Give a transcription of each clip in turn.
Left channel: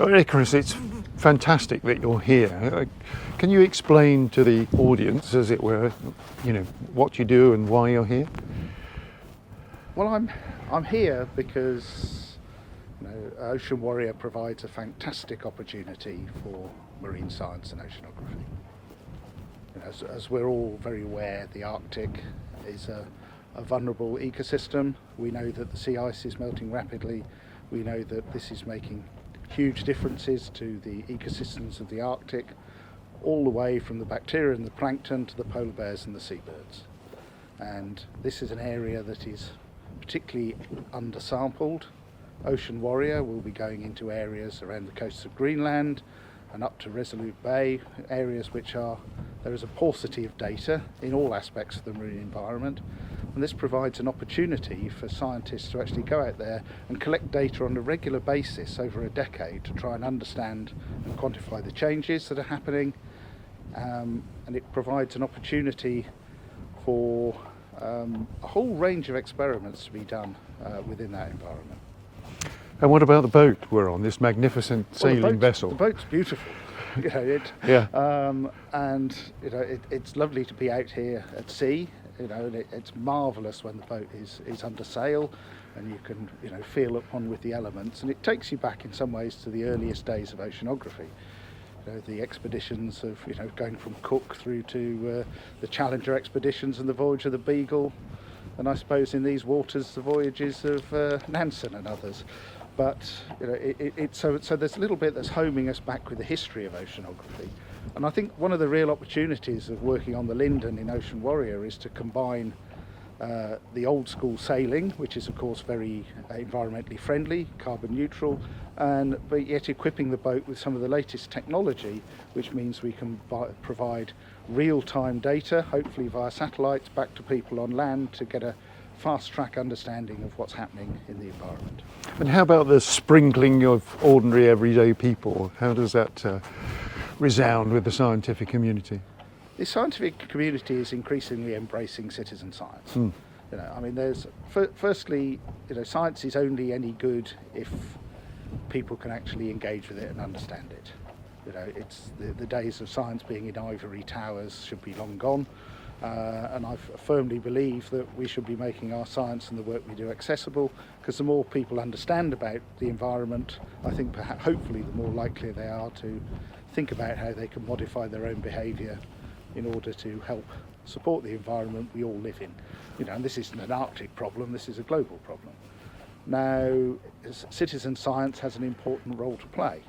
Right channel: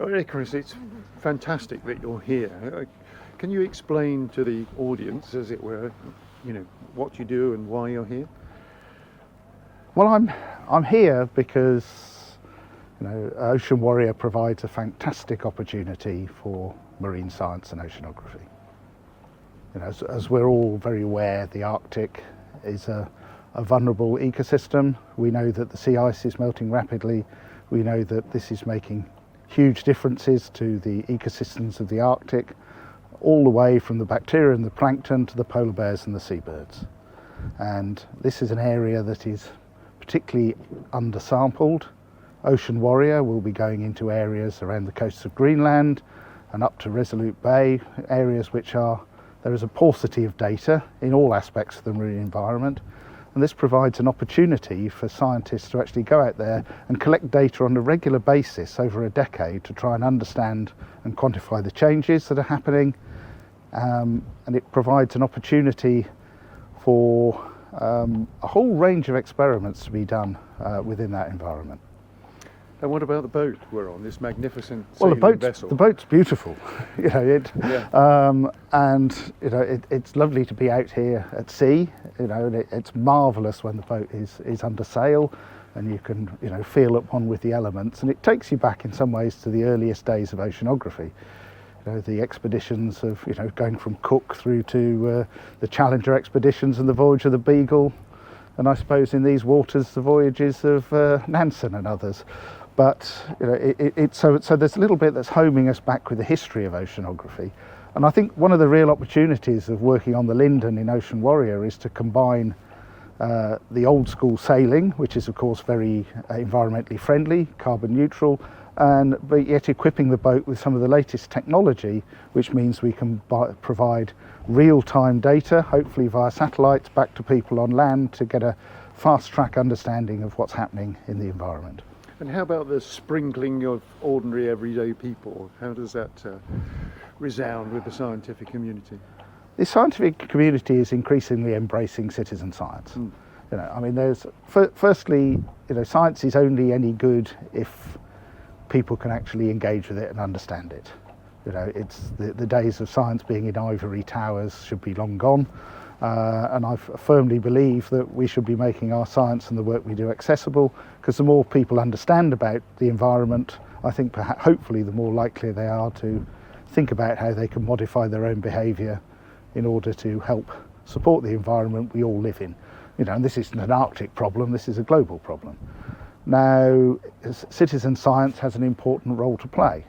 Well, Icarus, it's fantastic that you're here. Can you explain to the audience, as it were, what you do and why you're here? Well, I'm here because Ocean Warrior provides a fantastic opportunity for marine science and oceanography. As we're all very aware, the Arctic is a vulnerable ecosystem. We know that the sea ice is melting rapidly. We know that this is making huge differences to the ecosystems of the Arctic, all the way from the bacteria and the plankton to the polar bears and the seabirds. And this is an area that is particularly undersampled. Ocean Warrior will be going into areas around the coasts of Greenland and up to Resolute Bay, areas there is a paucity of data in all aspects of the marine environment. And this provides an opportunity for scientists to actually go out there and collect data on a regular basis over a decade to try and understand and quantify the changes that are happening. And it provides an opportunity for a whole range of experiments to be done within that environment. And what about the boat we're on, this magnificent sailing vessel? The boat's beautiful. It's lovely to be out here at sea. It's marvellous when the boat is under sail and you can feel upon with the elements, and it takes you back in some ways to the earliest days of oceanography. The expeditions of going from Cook through to the Challenger expeditions and the voyage of the Beagle, and I suppose in these waters the voyages of Nansen and others. But so there's a little bit that's homing us back with the history of oceanography. And I think one of the real opportunities of working on the Linden in Ocean Warrior is to combine the old school sailing, which is of course very environmentally friendly, carbon neutral, but yet equipping the boat with some of the latest technology, which means we can provide real-time data, hopefully via satellites, back to people on land to get a fast-track understanding of what's happening in the environment. And how about the sprinkling of ordinary everyday people? How does that resound with the scientific community? The scientific community is increasingly embracing citizen science. Firstly, science is only any good if people can actually engage with it and understand it. It's the days of science being in ivory towers should be long gone. And I firmly believe that we should be making our science and the work we do accessible, because the more people understand about the environment, I think hopefully the more likely they are to think about how they can modify their own behaviour in order to help support the environment we all live in. And this isn't an Arctic problem, this is a global problem. Now, citizen science has an important role to play.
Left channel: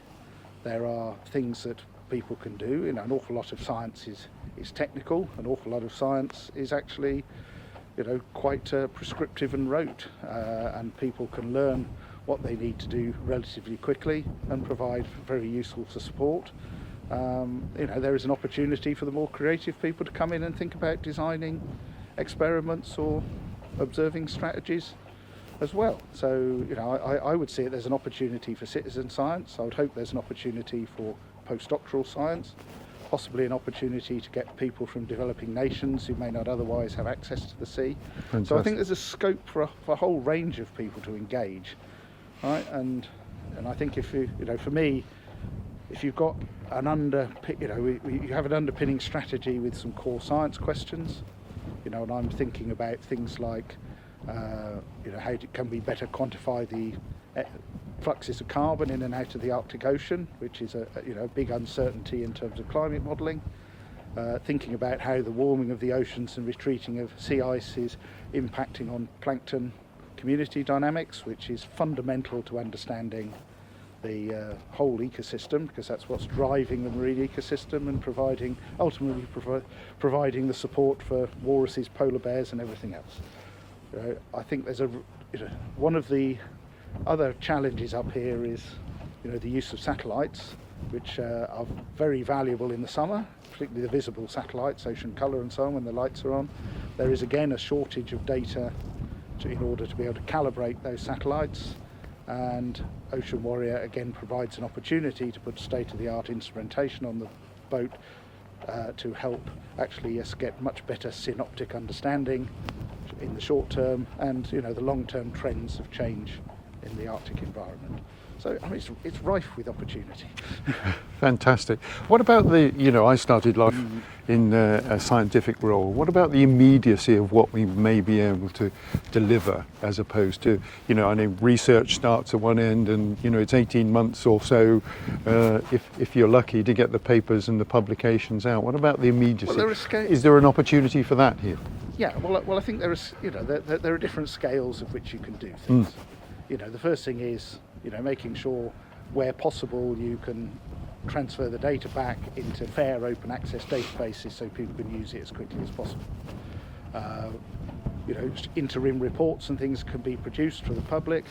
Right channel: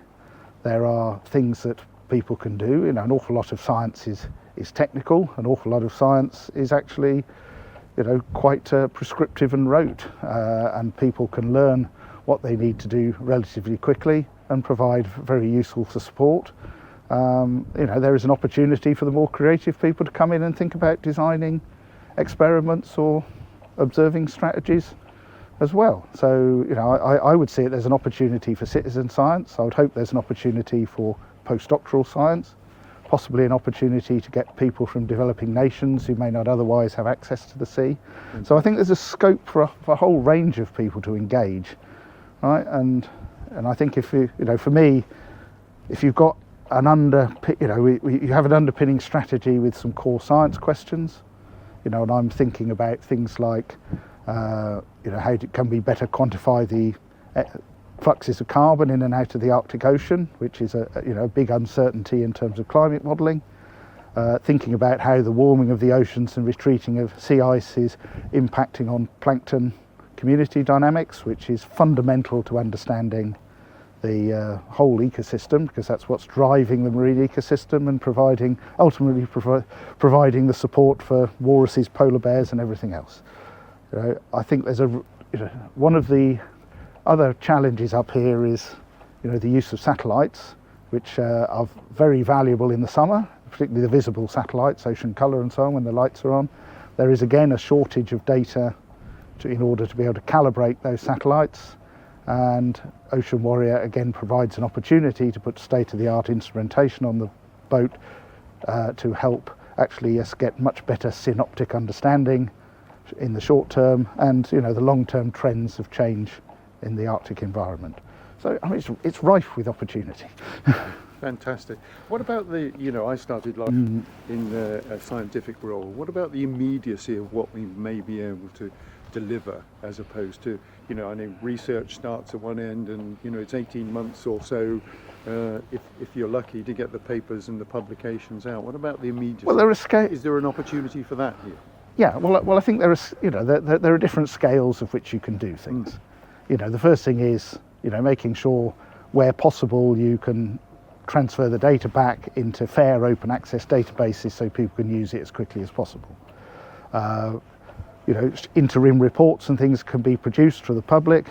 There are things that people can do. An awful lot of science is technical, an awful lot of science is actually quite prescriptive and rote, and people can learn what they need to do relatively quickly and provide very useful support. There is an opportunity for the more creative people to come in and think about designing experiments or observing strategies as well. So I would see it as an opportunity for citizen science. I would hope there's an opportunity for postdoctoral science, possibly an opportunity to get people from developing nations who may not otherwise have access to the sea. Fantastic. So I think there's a scope for a whole range of people to engage, right? And I think for me, if you've got you have an underpinning strategy with some core science questions, and I'm thinking about things like how it can be better quantify the fluxes of carbon in and out of the Arctic Ocean, which is a big uncertainty in terms of climate modelling. Thinking about how the warming of the oceans and retreating of sea ice is impacting on plankton community dynamics, which is fundamental to understanding the whole ecosystem, because that's what's driving the marine ecosystem and ultimately providing the support for walruses, polar bears and everything else. I think there's one of the other challenges up here is the use of satellites, which are very valuable in the summer, particularly the visible satellites, ocean colour and so on, when the lights are on. There is again a shortage of data in order to be able to calibrate those satellites, and Ocean Warrior again provides an opportunity to put state-of-the-art instrumentation on the boat to help actually get much better synoptic understanding in the short term and the long-term trends of change in the Arctic environment. So I mean, it's rife with opportunity. Fantastic. What about I started life in a scientific role. What about the immediacy of what we may be able to deliver, as opposed to, I know research starts at one end and, it's 18 months or so, if you're lucky, to get the papers and the publications out. What about the immediacy? Well, is there an opportunity for that here? Yeah, well, I think there are different scales of which you can do things. The first thing is, making sure where possible you can transfer the data back into fair open access databases so people can use it as quickly as possible. Interim reports and things can be produced for the public.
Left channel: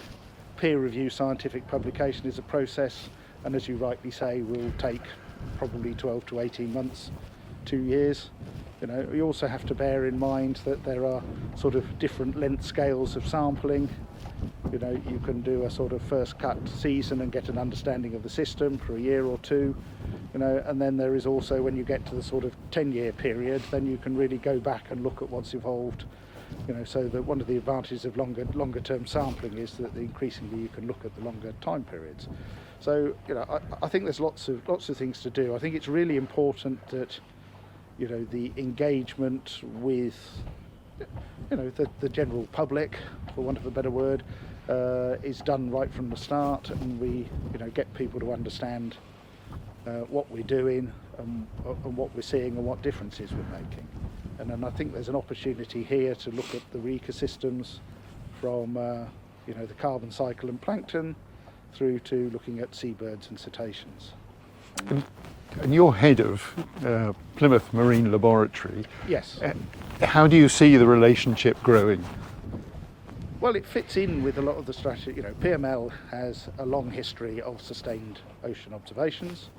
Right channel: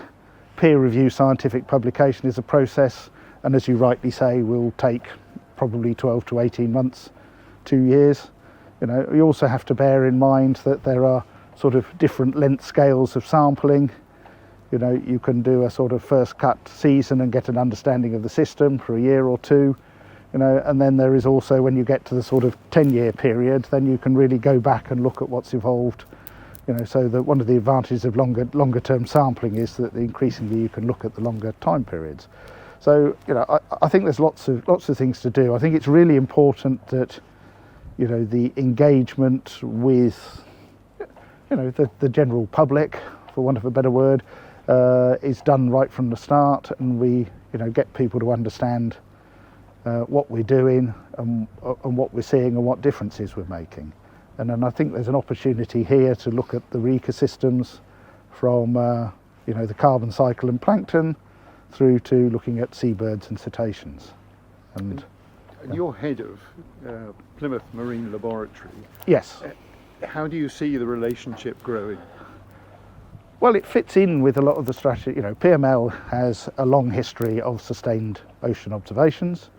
Peer review scientific publication is a process, and as you rightly say, will take probably 12 to 18 months, 2 years. You also have to bear in mind that there are sort of different length scales of sampling. You can do a sort of first cut season and get an understanding of the system for a year or two, and then there is also, when you get to the sort of 10-year period, then you can really go back and look at what's evolved. So that one of the advantages of longer term sampling is that increasingly you can look at the longer time periods. So I think there's lots of things to do. I think it's really important that the engagement with the general public, for want of a better word, is done right from the start, and we get people to understand what we're doing and what we're seeing and what differences we're making. And then I think there's an opportunity here to look at the ecosystems from the carbon cycle and plankton through to looking at seabirds and cetaceans. And you're head of Plymouth Marine Laboratory. Yes. How do you see the relationship growing? Well, it fits in with a lot of the strategy. PML has a long history of sustained ocean observations.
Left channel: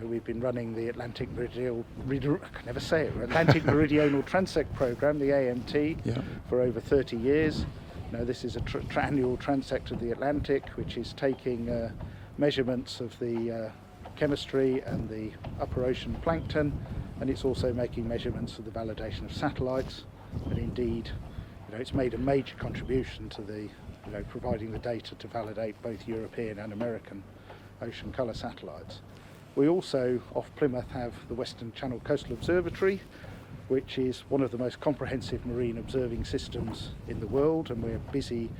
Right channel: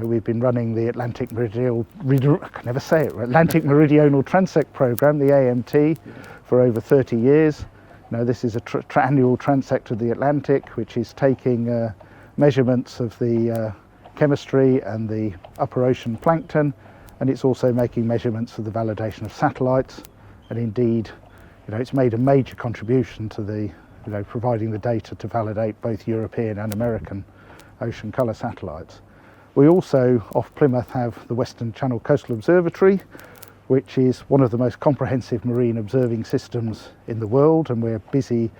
We've been running the Atlantic Meridional Transect Program, the AMT, for over 30 years. This is a annual transect of the Atlantic, which is taking measurements of the chemistry and the upper ocean plankton, and it's also making measurements of the validation of satellites. And indeed, it's made a major contribution to the, providing the data to validate both European and American ocean colour satellites. We also, off Plymouth, have the Western Channel Coastal Observatory, which is one of the most comprehensive marine observing systems in the world, and we're busy.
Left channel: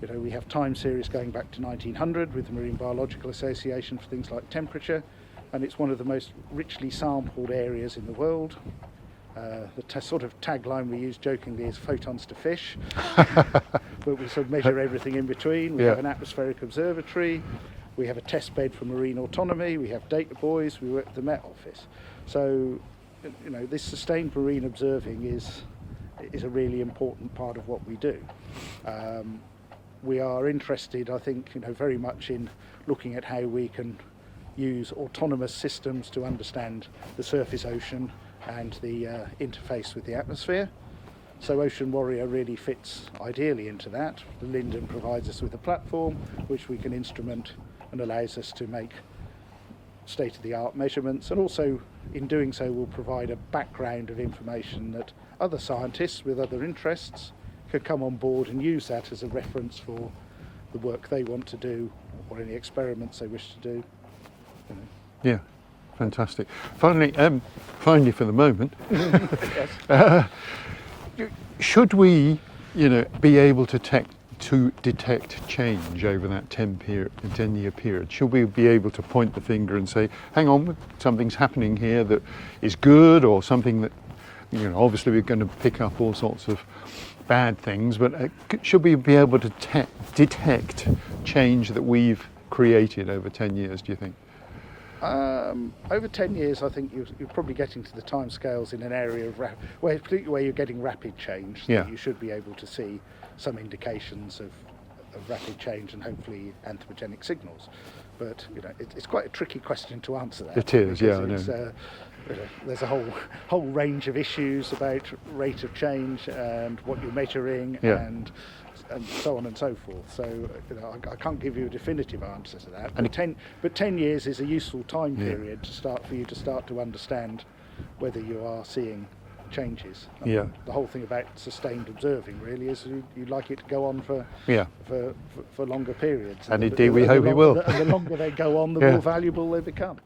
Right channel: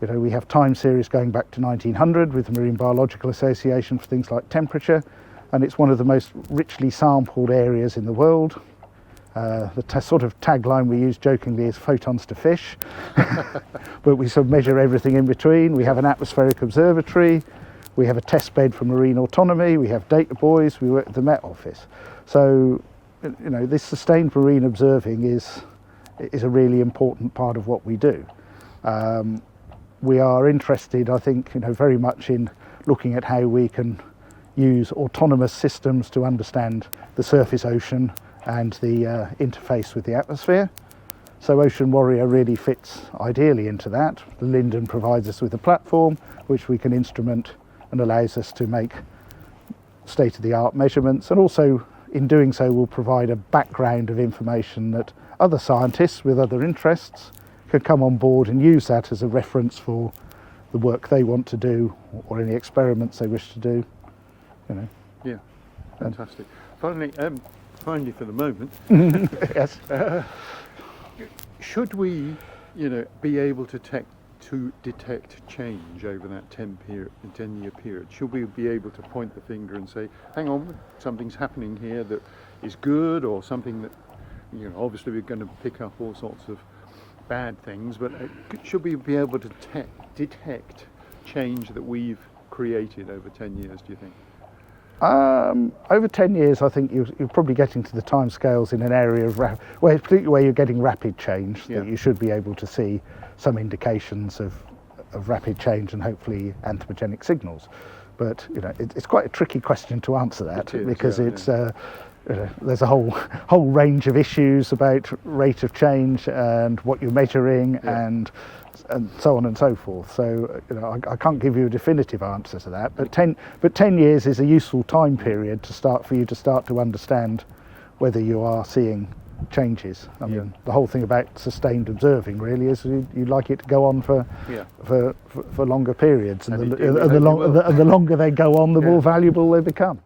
We have time series going back to 1900 with the Marine Biological Association for things like temperature, and it's one of the most richly sampled areas in the world. The sort of tagline we use jokingly is photons to fish, but we sort of measure everything in between. We have an atmospheric observatory, we have a test bed for marine autonomy, we have data buoys, we work at the Met Office. So, this sustained marine observing is a really important part of what we do. We are interested, I think, very much in looking at how we can use autonomous systems to understand the surface ocean and the interface with the atmosphere. So Ocean Warrior really fits ideally into that. The Linden provides us with a platform which we can instrument and allows us to make state-of-the-art measurements, and also in doing so will provide a background of information that other scientists with other interests could come on board and use that as a reference for the work they want to do or any experiments they wish to do. Yeah, fantastic. Finally for the moment, Yes. Should we, be able to detect change over that 10-year period? Should we be able to point the finger and say, hang on, something's happening here that is good, or something that, obviously we're going to pick up all sorts of bad things, but should we be able to detect change that we've created over 10 years, do you think? Over 10 years, I think you're probably getting to the timescales in an area of particularly where you're getting rapid change, that you should be able to see some indications of rapid change and hopefully anthropogenic signals. But it's quite a tricky question to answer that. It is, because there's a whole range of issues about rate of change and what you're measuring and so on and so forth. So I can't give you a definitive answer to that. But 10 years is a useful time period for you to start to understand whether you are seeing changes. Yeah. The whole thing about sustained observing really is you'd like it to go on for longer periods. And the, indeed we hope it will. and the longer they go on, the Yeah. more valuable they become.